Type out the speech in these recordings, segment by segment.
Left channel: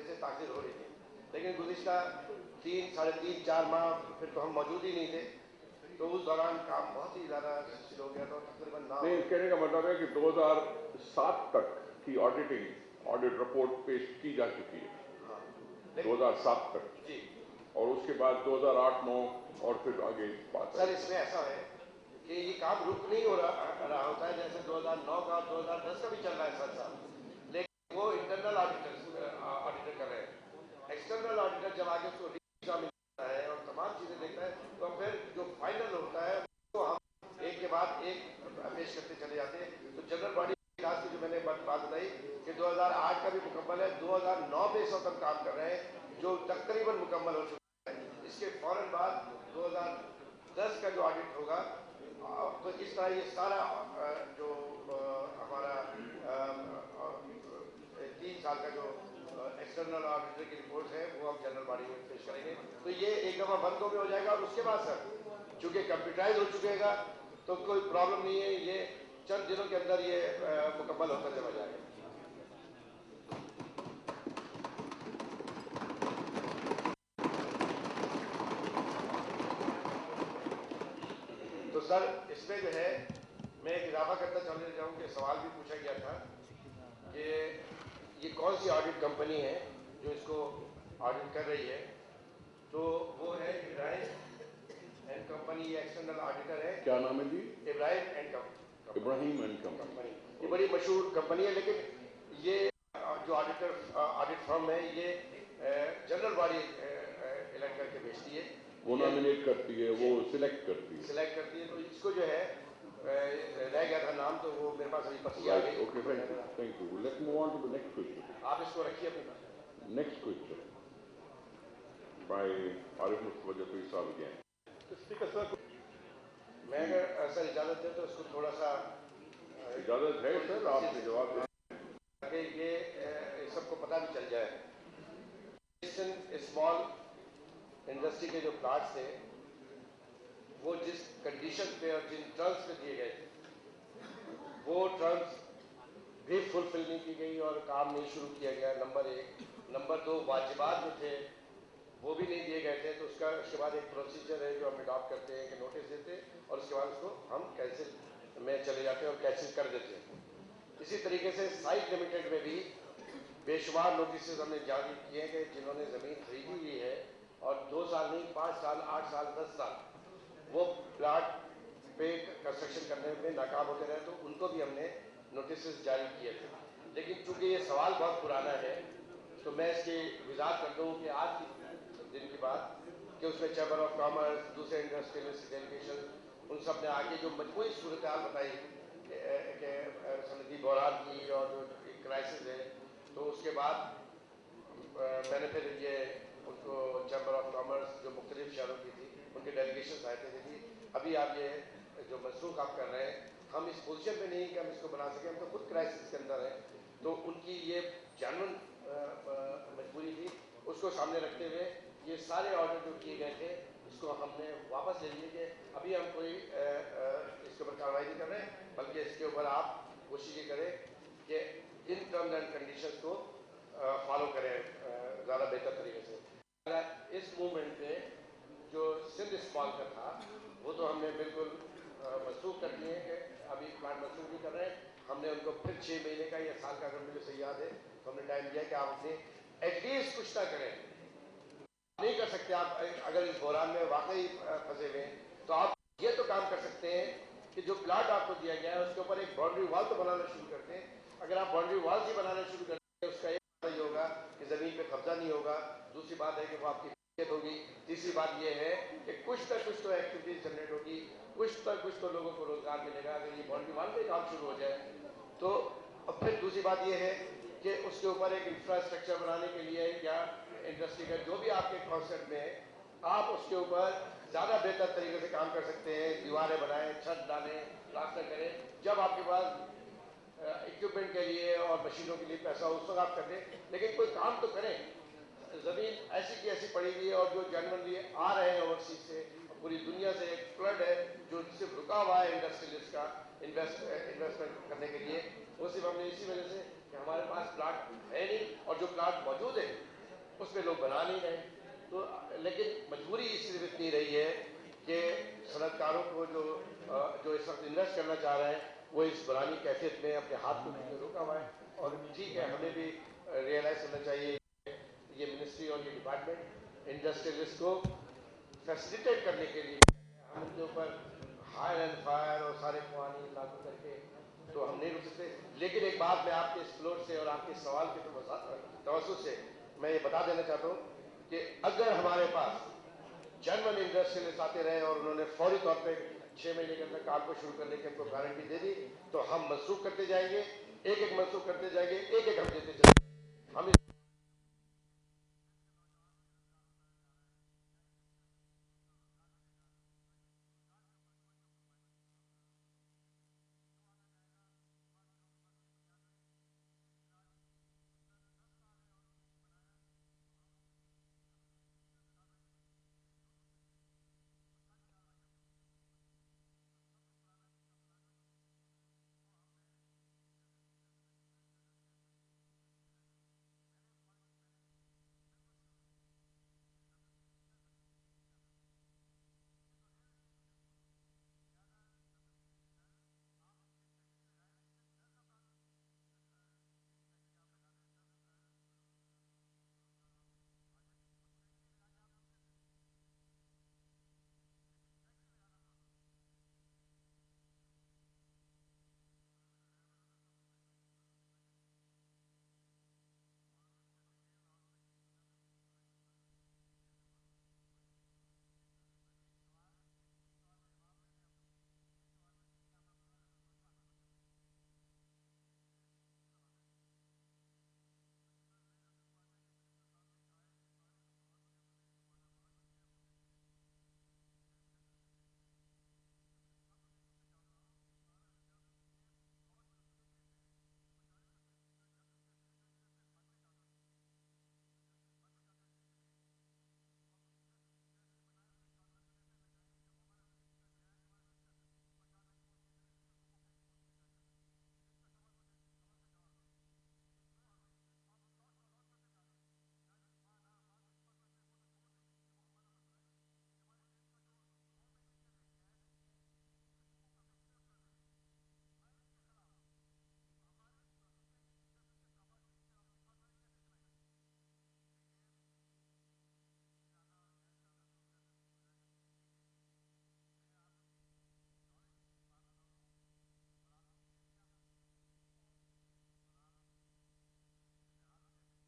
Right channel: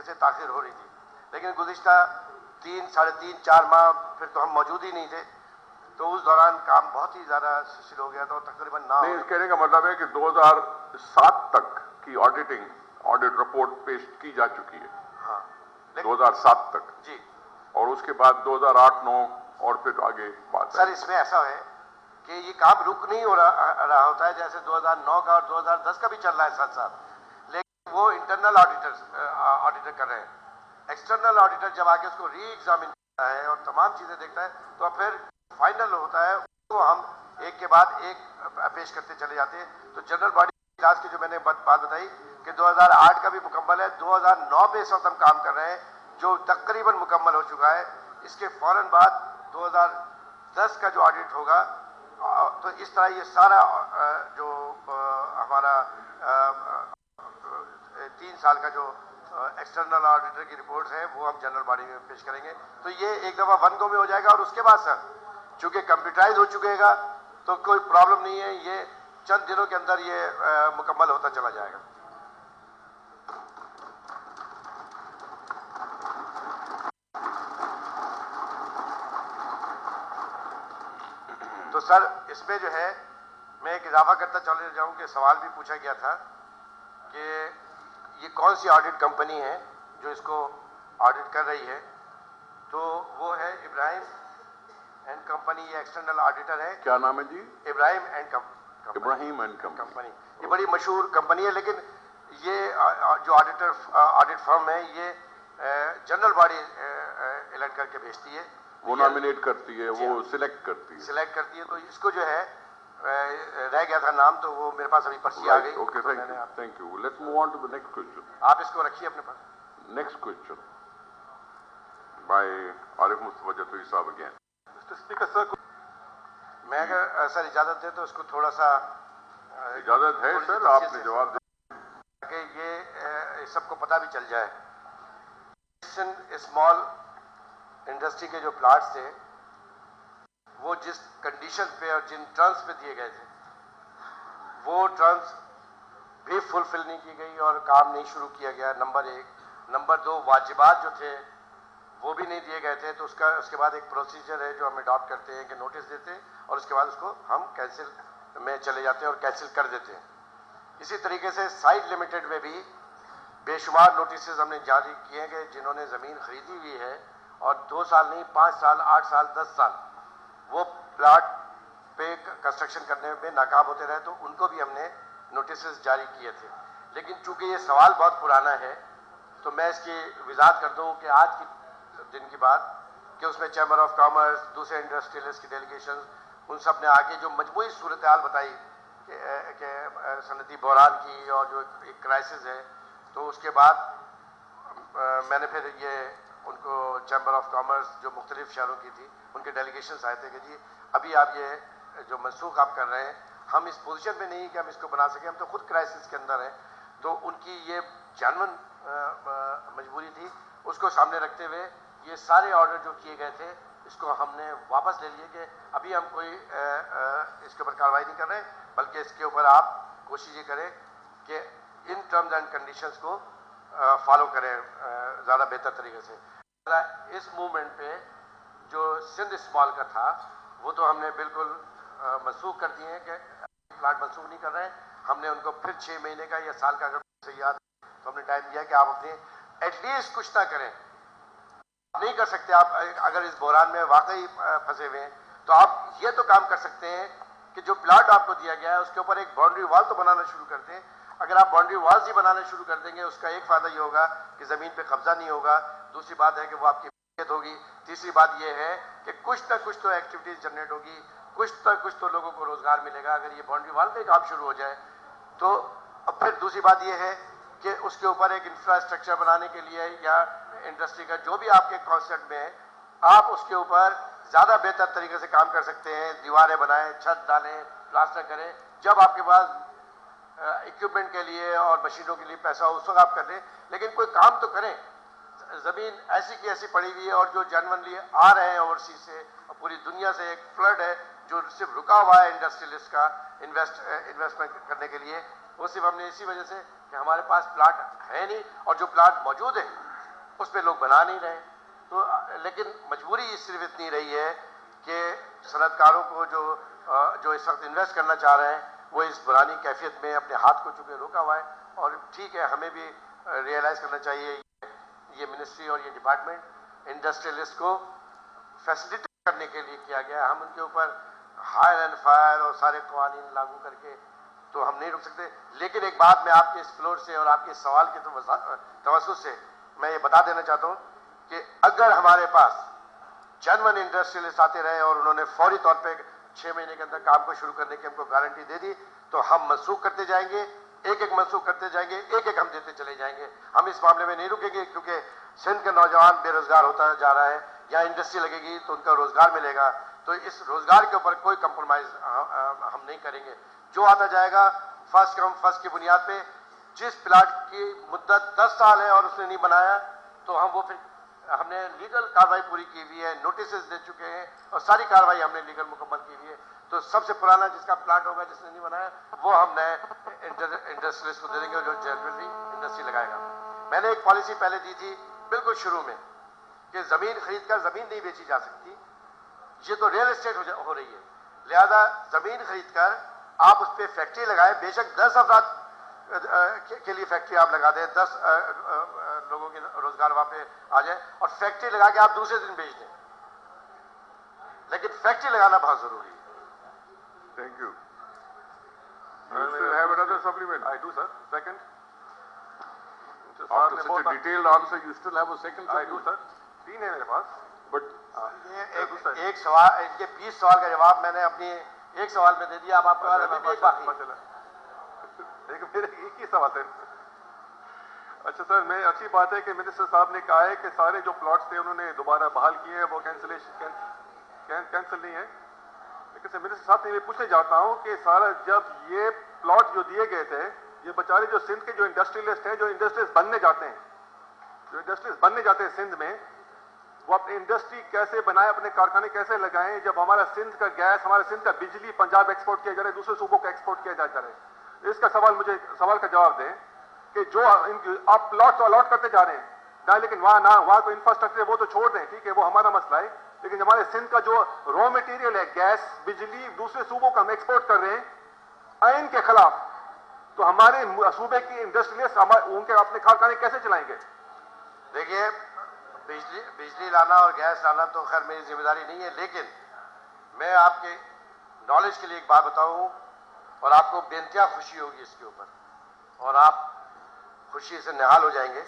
वजह से ताखिर हो रही थी, लेकिन गुज़िश्ता 3, 3.5, 4 माह फिर तो हम मौजूद ही नहीं थे, तो उस दौरान काम बहुत ही ज़्यादा स्लो हो गया था। तकरीबन नहीं, कहने का मतलब है कि 2007 तक की ऑडिट रिपोर्ट पेश की जा चुकी है। हाँ, 2007 तक जी, और उसके बाद 2008-9 और फिर आगे बात सर इसमें ऐसा है कि ये काम रुक नहीं हो रहा होता है, जैसे 2009 का और 2010 का भी चल रहा है साथ साथ, लेकिन वो इंटरनल ऑडिटर कर रहे हैं। एक्सटर्नल ऑडिटर जब आके उसको री एग्जामिन करता है और तमाम चीज़ें देखता है, तो फिर जो फाइनल होता है उसको हम एक के बाद एक पेश करते चले जाते हैं। तो जनरल बॉडी इजलास की जो मैंने बात बताई कि 2008 का भी मुकम्मल है, 2009 पे इस वक्त हम काम कर रहे हैं जो तकरीबन मुकम्मल हो चुका है। इसके फौरन बाद 2010 का जो ऑडिट होगा, तो इस तरह ये सारा जो हमारा 3 साल का जो एक्सटर्नल ऑडिटर की रिपोर्ट्स हैं वो हम जनरल बॉडी में पेश करेंगे। तो ये एक दफ़ा 1 गो में हो जाएगा और उसके बाद सर चूंकि कंप्यूटराइज हो चुकेगा तो कोई प्रॉब्लम नहीं है, ये चंद दिनों के अंदर ये मुकम्मल होता चला जाएगा। तो सर इसमें जो है मैं एक इजाफा करता चले जाऊं कि सवाल भी पूछा गया था कि ये कौन सी ऑडिट कंपनी है जो इसको ऑडिट कर रही है, तो वो है इब्राहिम एंड कंपनी। ये एक्सटर्नल ऑडिटर है। क्या नाम है जी? Ibrahim and company. ये बड़ी मशहूर कंपनी है, लेकिन ये जो ऑडिट फर्म है ये जनरल बॉडी इलेक्ट करके भेजती है, वो नॉमिनेट करती है, वो सिलेक्ट करती है। तो इसको जो है रह गया था नाम, तो वो मेरे पास अभी पर्ची आ गई। Okay, thank you. Let's move on to the next question. आप इसको रखिए अपने पास। Next question by Arif Mustafa Zafri साहब अगेन। स्पीकर सर, मैं अगर सर इजाजत दे तो इसको थोड़ा सा इजाजत है सर, आपने जवाब दें कि ये सबको पता भी चल जाए। स्मॉल इंडस्ट्री के जो प्लाट्स थे वो जिस कंडीशन पे और जिन टर्म्स पे दिए गए थे वो टर्म्स भी फुलफिल नहीं की गई और काम नहीं शुरू किया गया, नंबर 1। नंबर 2, वाजिबात जो थे वो भी नहीं दिए गए थे, तो उसके बाद एक प्रोसीजर है जो हम अडॉप्ट करते हैं कि नोटिस देते हैं और उसके बाद उसको हम कैंसिल में चले जाते हैं और कैंसिल कर देते हैं। इसी तरीके से साइट लिमिटेड में भी बेशुमार नोटिस हमने जारी किए हैं कि जिन्होंने ज़मीन खरीदी हुई है और 2 साल नहीं 5 साल 8 साल 10 साल वो प्लाट पे कंस्ट्रक्शन करने में नाकाम होते रहे, तो उनको भी हमने नोटिस जारी किए थे। लेकिन चूंकि ये सवाल बहुत पुराना है तो मैं इसकी वजाहत कर दूँ कि आज के दिन की बात कि उसमें चैम्बर ऑफ कॉमर्स, दूसरे इंडस्ट्रियलिस्ट की डेलीगेशन, उन सब ने आके जो मजबूरी सूरत हाल बताई कि सनदी बहरान की और जो एक क्राइसिस है, तो उसके बाद मैंने फिर ये उनको चैम्बर ऑफ कॉमर्स जो मुख्तलिफ शहरों की थी उनके डेलीगेशन आए थे कि जी अभी आप ये जो मनसूख आप कर रहे हैं, हम इस पोजीशन में नहीं कि हम इसको बना सकें, हम तो खुद क्राइसिस के अंदर हैं। तो उनकी ये जानवन मजबूरी थी, उसको सामने रखते हुए ये सारे ऑर्डर जो किए गए थे इसको हमने वापस ले लिए कि अभी हम कोई इसके ऊपर कार्रवाई नहीं कर रहे, बल्कि इसके ऊपर आप कोशिश ये करें कि इन टर्म्स एंड कंडीशंस को फॉलो करें ज़्यादा बेहतर तरीके से। इस मूवमेंट पे जो सिंध स्मॉल का था वो तो हमने बिल्कुल मनसूख कर दिए हैं कि अभी प्लाट मनसूख नहीं कर रहे हैं। हमने उनको फिर 6 महीने का या साल का, अगर मुझे सही याद है, तो हमने टाइम दिया कि आप अपने एटलीस्ट कुछ ना करें। नहीं कर सकते आप अगर इस बहरान में वाकई फंसे हुए हैं, तो आप ये तो काम कर सकते हैं कि जो प्लाट आपको दिया गया है उसके ऊपर एक बाउंड्री वॉल तो बनाना शुरू करते हैं। अगर आप बाउंड्री वॉल्स ही बनाना शुरू कर देंगे उसका एक फ़ायदा ये होगा कि ज़मीन पे कब्जा नहीं होगा, दूसरी बात है कि वो आपकी हिफाजत होगी, तीसरी बात ये है कि कुछ ना कुछ तो एक्टिविटीज़ जनरेट होगी, कुछ तो लोगों को रोज़गार मिलेगा अगर ये बाउंड्री वॉल पे काम शुरू हो जाए तो। अब फिर दूसरी बात ये है कि उसके ऊपर एक इंफ्रास्ट्रक्चर बनाने के लिए या इंडस्ट्री का जो भी आपके कॉन्सेप्ट में है, आप उसके ऊपर ज़्यादा बेहतर तरीके से काम कर सकते हैं। दीवारें बनाएं, छत डालें, प्लास्टर करें। जब आपके पास इक्विपमेंट के लिए और मशीनों के लिए पैसा हो उस वक्त आप कर लें, लेकिन कोई काम तो करें। ज़मीन ऐसी की ऐसी पड़ी हुई है और जो जेन्युइनली आ रहे हैं ओवरसीज से और पूरी दुनिया से एक फ्लड है जो सिर्फ रुका हुआ है इंडस्ट्रियलिस्ट का इन्वेस्टमेंट करने के लिए, वो सिर्फ हमने इसी वजह से कि हमारे पास प्लाट है नहीं, और जो प्लाट मौजूद है उसमें लोग बना नहीं रहे। तो लेकिन मजबूरी सिर्फ इतनी रही है कि सनतकारों को जो इस वक्त इन्वेस्ट करना चाह रहे हैं वो इस पुरानी कैफियत में अपने हाथ को चुके रोका हुआ है। और ठीक है, हमें भी रियलाइज करना चाहिए ये मिनिस्ट्री और ये डिपार्टमेंट इंडस्ट्रियलिस्ट को फैसिलिटेट करने के लिए किया गया। हम उनके ऊपर हायर एंड फायर और सारे कानून लागू करके तो हम नहीं रुक सकते। लेकिन एक बात मैं आपके इस फ्लोर से और आपके सवाल के तवज्जुह से मैं ये बता देना चाहता हूँ कि अगर हमारे पास जेन्युइन इंडस्ट्रियलिस्ट आते रहे और उन्होंने फौरी तौर पे 6 महीने के अंदर काम को शुरू करने की हमको गारंटी दे दी, तो हम मनसूख करते जाएंगे, एक एक मनसूख करते जाएंगे, एक एक हम देते चले जाएंगे। हम इस मामले में नहीं रुकेंगे, क्योंकि सिंध का नौजवान बेरोजगार होता जा रहा है। यहाँ इंडस्ट्री लगेगी तो उनका रोजगार मिलेगा, तो इस रोजगार के ऊपर कोई कंप्रोमाइज हम नहीं करेंगे। जो आता जाएगा फर्स्ट कम फर्स्ट की बुनियाद पे, जिस प्लाट की मुद्दत 10 साल है और उसने नहीं बनाया तो हम वो फिर हमने लीगल कार्रवाई पूरी की हुई है, नोटिस दे चुके हैं और सारी कार्रवाई हमने लीगल मुकम्मल की हुई है। तो सबसे पुराना जिसका प्लाट होगा जिसने नहीं बनाया वो हम नए इंडस्ट्रियलिस्ट को दे देंगे जो जनरली इंडस्ट्री लगाएगा। मैंने एक पॉलिसी पहले दी थी बिल्कुल शुरू में कि जमीन खरीद कर जमीन नहीं बेची जा सकती, ये तो रियल एस्टेट हो रही है। लिहाजा जमीन खरीद कर आप उस पर फैक्ट्री लगाए, बेशक 10 अफराद के लिए फैक्ट्री आप लगा दें, 10 लोगों के रोजगार वहां पे आ जाए और फैक्ट्री लगा के आप दूसरे दिन बेच दें, लेकिन फैक्ट्री लगाना बहुत जरूरी है। Thank you. Have another supplement? I do, sir. Second. After such a detailed answer, you still have a second I do, supplement? sir. 3 है मेरे पास. But ये एक सवाल, इनके 20 सवाल का जवाब मैंने अपनी एक सवाल में दे दिया। अब आपका एक बाकी मेरे एक ही सवाल है। अच्छा सर, मैं अच्छी बात है कि मिनिस्टर साहब ने कहा है कि सारे जो प्लॉट्स थे उन्होंने दोबारा बहाल किए हैं, वो कैंसिल नहीं है। लेकिन सर मिनिस्टर साहब से मैं पूछने जाता हूँ कि सारा जब ये प्लॉट जो दिए गए थे, ये बेचारे जो सिंध के जो इंडस्ट्रियलिस्ट हैं, जो इंडस्ट्रीज बनने जाते हैं सिंध में, वो अपनी इंडस्ट्री कैसे बनाए, अपने कारखाने कैसे लगाएं जब हमारा सिंध का गैस, हमारा सिंध का बिजली पंजाब एक्सपोर्ट किया जा रहा है, दूसरे सूबों को एक्सपोर्ट किया जा रहा है। इसका सवाल का जवाब दें कि जो आप प्लॉट तो अलॉट करते जा रहे हैं ना, लेकिन वहां को इंफ्रास्ट्रक्चर वो तो छोड़ दें, ठीक है, वो हमारा मसला है। लेकिन हमारे सिंध का जो रॉ मटेरियल है, गैस, बिजली, दूसरे सूबों का हम एक्सपोर्ट कर रहे हैं आइन के खिलाफ, तो हमारे सूबे की इंडस्ट्रियलिस्ट उनके अपने कारखाने कैसे चलाएंगे? देखिए, बिजली लाना और गैस लाना तो खैर मेरी जिम्मेदारी नहीं है, लेकिन मैं आपके नॉलेज के लिए एक बात बताऊं और आपको बेइंतहा खुशी होगी इसके ऊपर, और आप खुशी से निहाल हो जाएंगे,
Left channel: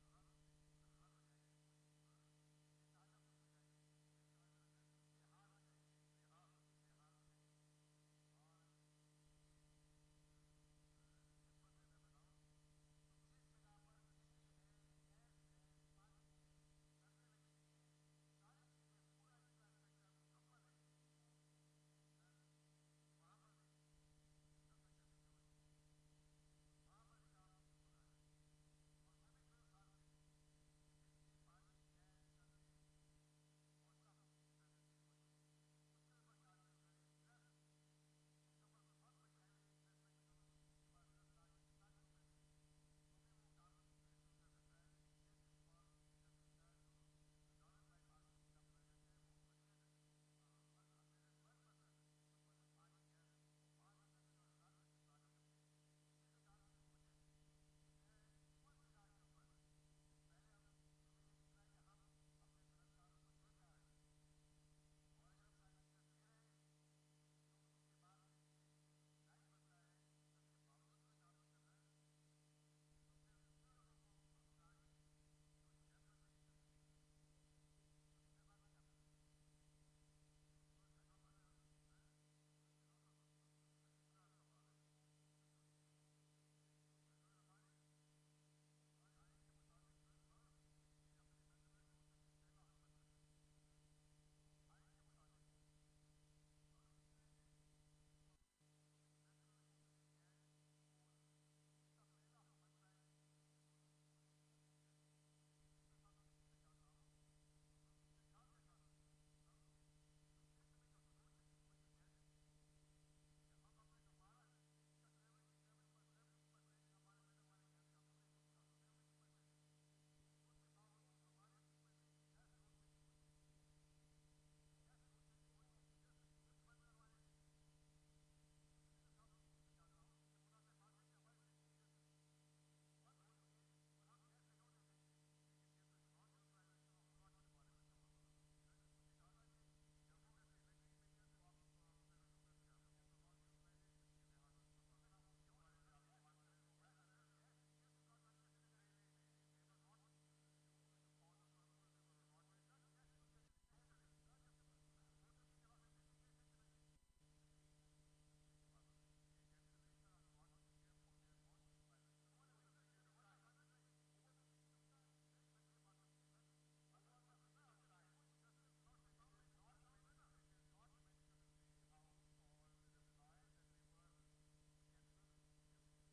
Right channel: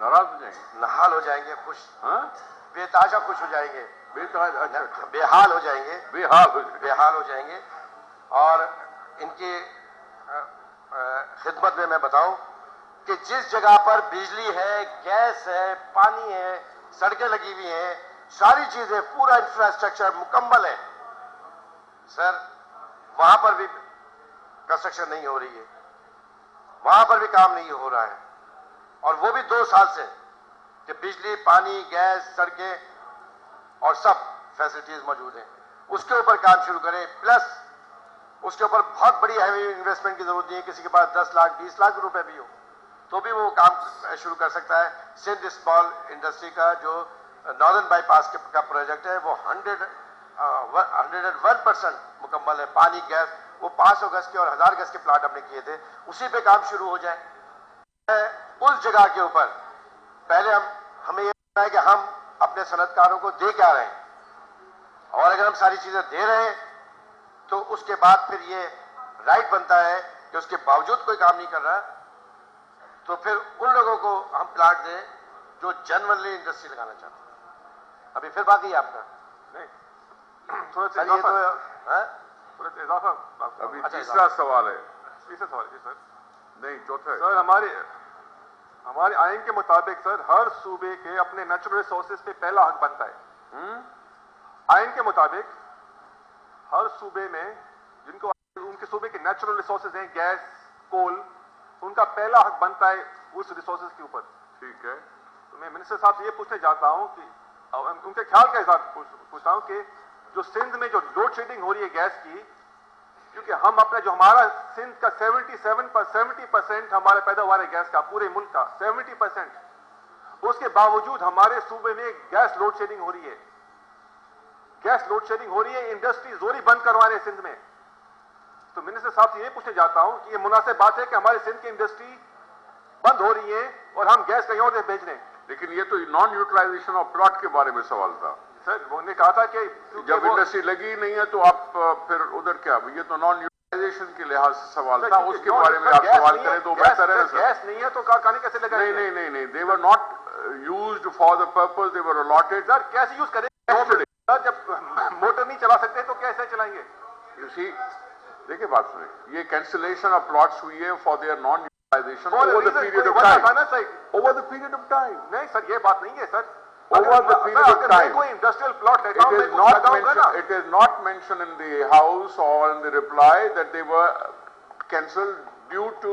नाराज हो जाएंगे, नहाल हो जाएंगे, खुश, हाँ, बेताजा खुश हो जाएंगे, अच्छा, बेहाल हो जाएंगे, बेहाल हो जाएंगे। और इनकी खिदमत में मैं बताऊं कि जिस जगह पर बिजली है, गैस है, पानी है, सड़कें लगी हुई हैं, सारी चीजें, पूरा इंफ्रास्ट्रक्चर मुकम्मल है, सर वहां पर भी कंस्ट्रक्शन नहीं हो रही है, वहां पर भी काम नहीं हो रहा है, और वो भी 2 साल से कि बिजली, पानी, गैस, सड़कें और सब फैसिलिटीज मौजूद हैं। उसके ऊपर काम शुरू करें, प्लस उसके ऊपर बहुत बड़ी हैवी इन्वेस्टमेंट की जरूरत नहीं है। किसी के पास 10 लाख 20 लाख रुपए भी हो तो भी वो काम शुरू कर सकता है। सिंध स्मॉल इंडस्ट्री का जो नॉर्दर्न बाईपास का प्रोजेक्ट है वो 101% मुकम्मल है। पानी, गैस, वो 500 गज के और 1000 गज के प्लाट हमने किए थे, उसी पे काम शुरू हो जाए। उस जगह के ऊपर पहले हमें ये है कि हम अपने सनतकारों को दे क्या रहे हैं, और अगर हम सारी चीजें दे रहे हैं तो उसके बाद फिर ये राइट बनता है कि उसके बावजूद कोई काम नहीं कर रहा, तो फिर उन लोगों को हम प्लाट दें जो जेन्युइनली इंडस्ट्री लगाना चाहते हैं। अभी फिर बाकी है आपका नहीं, थोड़ा सा ये तो इजाफा। अभी अच्छा, तीसरा सवाल है। तीसरा सवाल जी सर। नहीं, चौथा है। सर हमारे आइन के मुताबिक सर हर सूबे के अपने नेचुरल रिसोर्सेज पे पहला हक बनता है। आइन के मुताबिक हर सूबे में जिनको उनके सूबे के नेचुरल रिसोर्सेज हैं, गैस, कोल, उनका पहला हक बनता है उस रिसोर्सेज के ऊपर। ठीक है, तो मैं मिनिस्टर साहब से ये पूछने चाहता हूं कि उनके ख्याल के हिसाब पूछता हूं कि जो सिंध में जो लोड शेडिंग हो रही है गैस की, क्योंकि हम अपने जो हमारा सिंध का 70% हमारे पैदावार है गैस का, पूरे मुल्क का 70%, उसके बावजूद हमारे सूबे में गैस लोड शेडिंग हो रही है, गैस लोड शेडिंग हो रही है, इंडस्ट्री जोरी बंद करवा रहे हैं सिंध में। तो मिनिस्टर साहब से ये पूछने जाता हूं कि ये मुनासिब बात है कि हमारे सिंध की इंडस्ट्री बंद हो रही है और हम गैस कहीं और से भेज रहे हैं। लेकिन ये तो नॉन यूटिलाइजेशन ऑफ प्लॉट के बारे में सवाल था सर। उन्होंने कहा था कि जब इंडस्ट्री लगी नहीं है तो आप फिर उधर क्या, ये तो नॉन यूटिलाइजेशन के लिहाज से सवाल था, उसके बारे में आप सवाल करें तो बेहतर है सर। गैस नहीं है तो कारखाने कैसे लगाएंगे? नहीं, they were not used for the purpose they were allotted. Sir कैसे यूज करेंगे सर, जब मोटर नहीं चला सकते तो कैसे चलाएंगे? यू सी, देखिए बात सुनिए, ये कैंसिलेशन ऑफ प्लॉट्स हुई है for their non utilization over the period of time, over the period of time. नहीं सर, ये बात नहीं है sir, over the period of time. कोई इंडस्ट्रियल प्लॉट लेता हूं, it is not mentioned in the house or in the reply that they were cancelled due to